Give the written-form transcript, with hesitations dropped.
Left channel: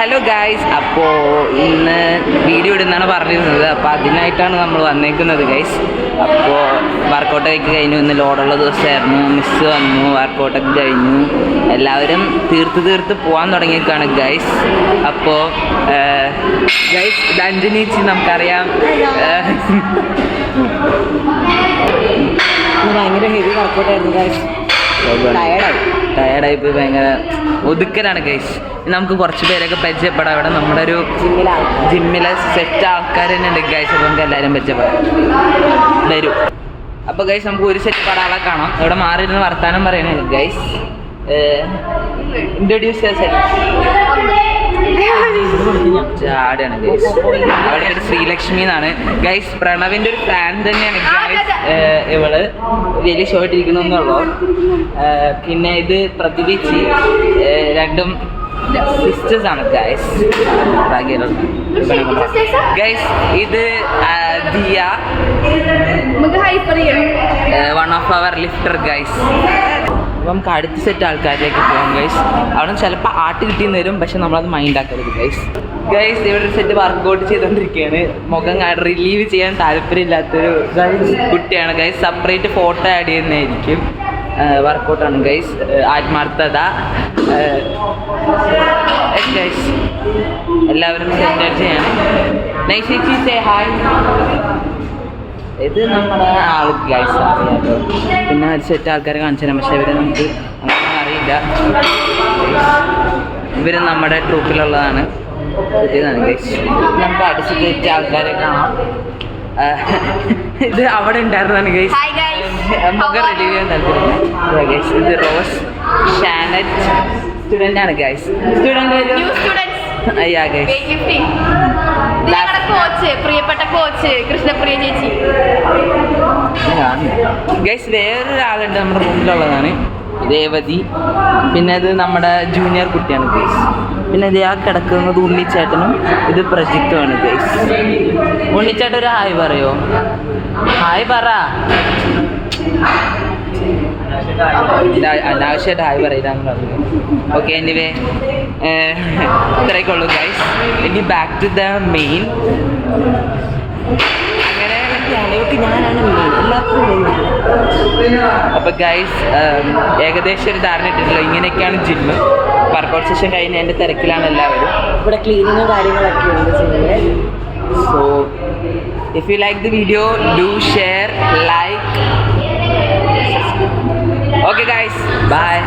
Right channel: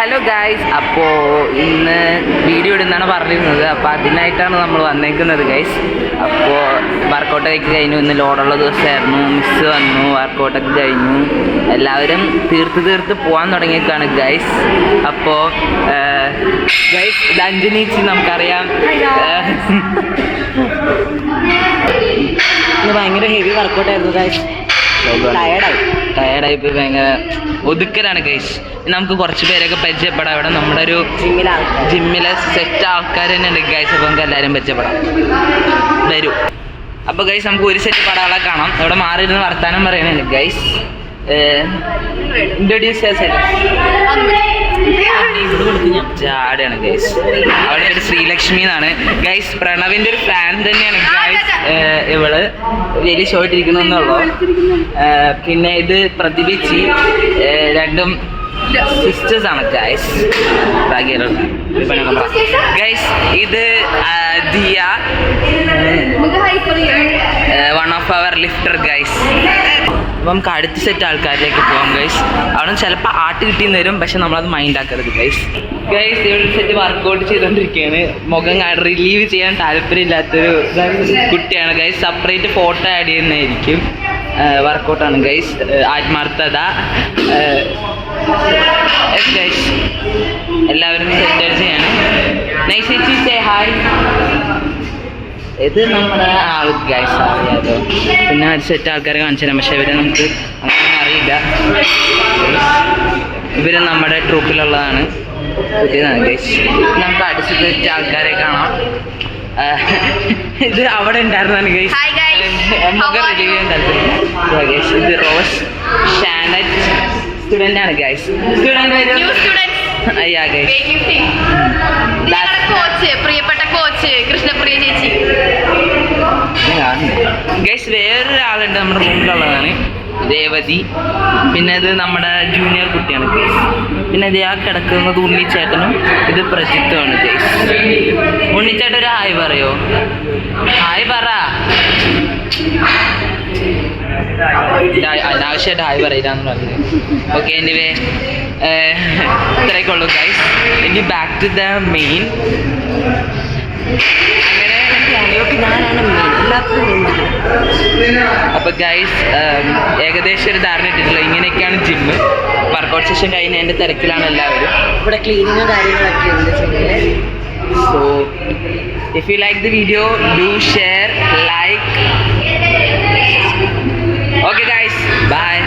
Hello guys, അപ്പോൾ ഇന്ന് video ഇടുന്നാണ് പറഞ്ഞിരുന്നത്. അപ്പോൾ അതിനായിട്ടാണ് നമ്മൾ വന്നേക്കുന്നത് ഗൈസ്. അപ്പോൾ വർക്കൗട്ടൊക്കെ കഴിഞ്ഞു. ഇന്ന് ലോഡുള്ള ദിവസമായിരുന്നു. മിസ് വന്നു, വർക്കൗട്ടൊക്കെ കഴിഞ്ഞു. എല്ലാവരും തീർത്ത് പോകാൻ തുടങ്ങിയേക്കാണ് ഗൈസ്. അപ്പോൾ ഗൈസ്, ഇത് അഞ്ജനീച്ചി നമുക്കറിയാം. ഭയങ്കര ഹെവി വർക്കൗട്ടായിരുന്നു ഗൈസ്. ടയർഡായി പോയി, ഭയങ്കര ഒതുക്കലാണ് ഗൈസ്. നമുക്ക് കുറച്ച് പേരൊക്കെ പരിചയപ്പെടാം. ഇവിടെ നമ്മുടെ ഒരു ജിമ്മിലെ സെറ്റ് ആൾക്കാർ തന്നെ ഉണ്ട് ഗൈസ്. അപ്പോൾ നമുക്ക് എല്ലാവരും പരിചയപ്പെടാം, വരൂ. അപ്പോൾ ഗൈസ്, നമുക്ക് ഒരു സെറ്റ് പടാളെ കാണാം. ഇവിടെ മാറിയിരുന്ന് വർത്താനം പറയുന്നത് ഗൈസ്. Introduce ചാടിയാണ് guys. അവിടെ ഒരു ശ്രീലക്ഷ്മി എന്നാണ് ഗൈസ്. പ്രണവിൻ്റെ ഒരു ഫാൻ തന്നെയാണ് ഗൈസ് ഇവള്. വലിയ ഷോർട്ട് ഇരിക്കണമെന്നുള്ളൂ. പിന്നെ ഇത് പ്രതിഭിച്ചി, രണ്ടും സിസ്റ്റേഴ്സ് ആണ് ഗൈസ്. ഗൈസ്, ഇത് Diya, one of our lifter guys. അപ്പം നമുക്ക് അടുത്ത സെറ്റ് ആൾക്കാരിലേക്ക് പോകാം ഗൈസ്. അവിടെ ചിലപ്പോൾ ആട്ട് കിട്ടിയെന്ന് വരും, പക്ഷെ നമ്മളത് മൈൻഡ് ആക്കരുത് ഗൈസ്. ഗൈസ്, ഇവിടെ സെറ്റ് വർക്കൗട്ട് ചെയ്തുകൊണ്ടിരിക്കുകയാണ്. മുഖം റിലീവ് ചെയ്യാൻ താല്പര്യമില്ലാത്തൊരു കുട്ടിയാണ് ഗൈസ്. സെപ്പറേറ്റ് ഫോട്ടോ ആഡ് ചെയ്യുന്നതായിരിക്കും. വർക്കൗട്ടാണ് ഗൈസ്. ആത്മാർത്ഥത. എല്ലാവരും എൻജോയ് ചെയ്യണം. Nice say hi. ഇത് നമ്മുടെ ആൾ ഗൈസ് അറിയാലോ. പിന്നെ ഒരു സെറ്റ് ആൾക്കാരെ കാണിച്ചു തരാം, പക്ഷെ ഇവരെ നമുക്ക് അങ്ങനെ അറിയില്ല. ഇവർ നമ്മുടെ ട്രൂപ്പിലുള്ളതാണ്. പുതിയതാണ് ഗൈസ്. നമുക്ക് അടുത്ത സെറ്റ് ആൾക്കാരെ കാണാം. ഇത് അവിടെ ഉണ്ടായിരുന്നാണ് ഗൈസ്. മുഖം റിലീവ് ചെയ്യാൻ താല്പര്യം. ഇത് റോസ് ഷാനറ്റ് സ്റ്റുഡൻ്റ് ആണ് ഗൈസ്. അയ്യാ ഗൈസ്. പ്രിയപ്പെട്ട കോച്ച് കൃഷ്ണപ്രിയ ചേച്ചി ഗൈസ്. വേറൊരാളുണ്ട് നമ്മുടെ റൂമിലുള്ളതാണ്, രേവതി. പിന്നെ ഇത് നമ്മുടെ ജൂനിയർ കുട്ടിയാണ് ഗൈസ്. പിന്നെ ഇത് ആ കിടക്കുന്നത് ഉണ്ണിച്ചേട്ടനും, ഇത് പ്രജിത്തുമാണ് ഗൈസ്. ഉണ്ണിച്ചേട്ടൻ ഒരു ഹായ് പറയോ? ഹായ് പറ. അനാവശ്യമായിട്ട് ഹായ് പറയില്ലാന്ന് പറഞ്ഞു. ഓക്കെ, എനിവേ ഇത്രയൊക്കെ ഉള്ളൂ ഗൈസ്. ഇനി ബാക്ക് ടു ദ മെയിൻ. അപ്പോൾ ഗൈസ്, ഏകദേശം ഒരു ധാരണ ഇട്ടിട്ടില്ല. ഇങ്ങനെയൊക്കെയാണ് ജിമ്മ്. വർക്കൗട്ട് സെഷൻ കഴിഞ്ഞതിൻ്റെ തിരക്കിലാണ് എല്ലാവരും. ഇവിടെ ക്ലീനിങ്ങും കാര്യങ്ങളൊക്കെ ഉണ്ട് ജിമ്മിൽ. So if you like the video, do share, like. Okay guys, bye.